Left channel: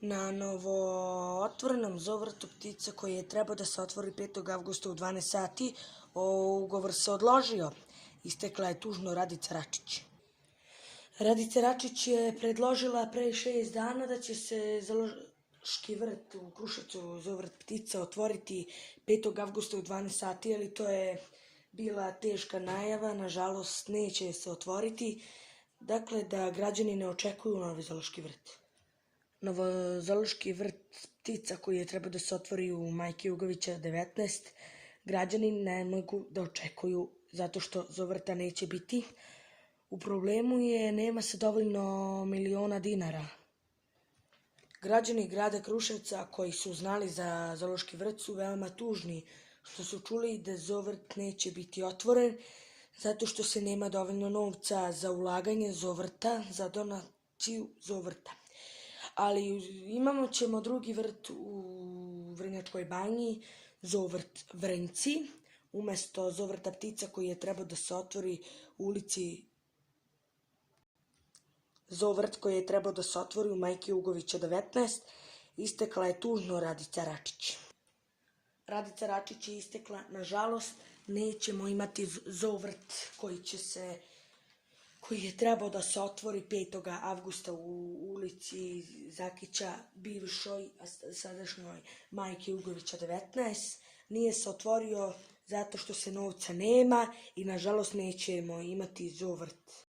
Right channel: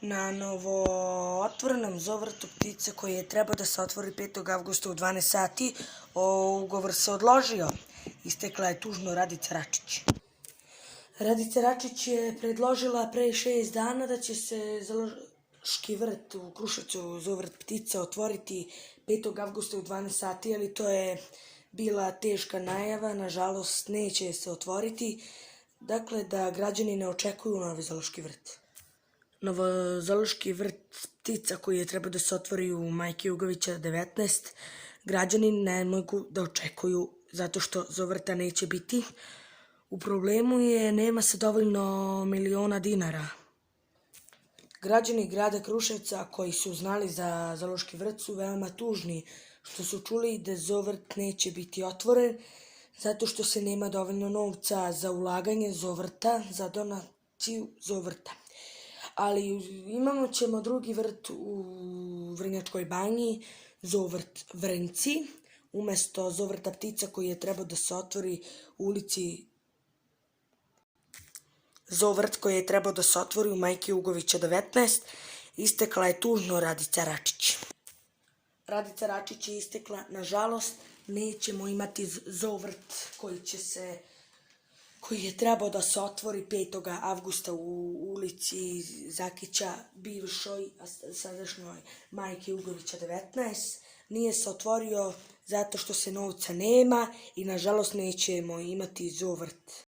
Na novo otvorenom zovrtu ptice koji je trebao da se otvori 5. avgusta u 12 sati, ugovor se odložio. Istekla je tužno Radica Račić. Radica Račić je predložila pre 6 dana da će se Zaloški vrt u Kruševcu, zovrt ptica, otvoriti 5. avgusta u 12 sati, ali to je bila teška najava, nažalost neće se otvoriti. Dakle, da građani ne očekuju novi Zaloški vrt. Novozaloški vrt ptica koji je trebao da se otvori u Majke Jugovića 19, građani ne mogu da očekuju zato što zovrta neće biti. U problemu je, nema se dovoljno miliona dinara. Građani grada Kruševca koji su znali za Zaloški vrt su veoma tužni što su čuli da zovrt neće biti otvoren zato što se nema dovoljno novca za ulaganje zovrta, za donaciju zovrta. Ali ćemo drugi vrt u Vrnjačkoj banji, zovrt Vrnjci, umesto zovrta ptica koji je trebao da se otvori u ulici Zovrt koji je trebao da se otvori u Majke Jugovića 19, istekla je tužno Radica Račić. Radica Račić je istekla, nažalost, nećemo imati zovrt koji je trebao da se otvori 5. avgusta u ulici Zakića, bivšoj, a sadašnjoj Majke Jugovića 19. Nije se otvorio zato što se novca nema i nažalost nećemo imati zovrt.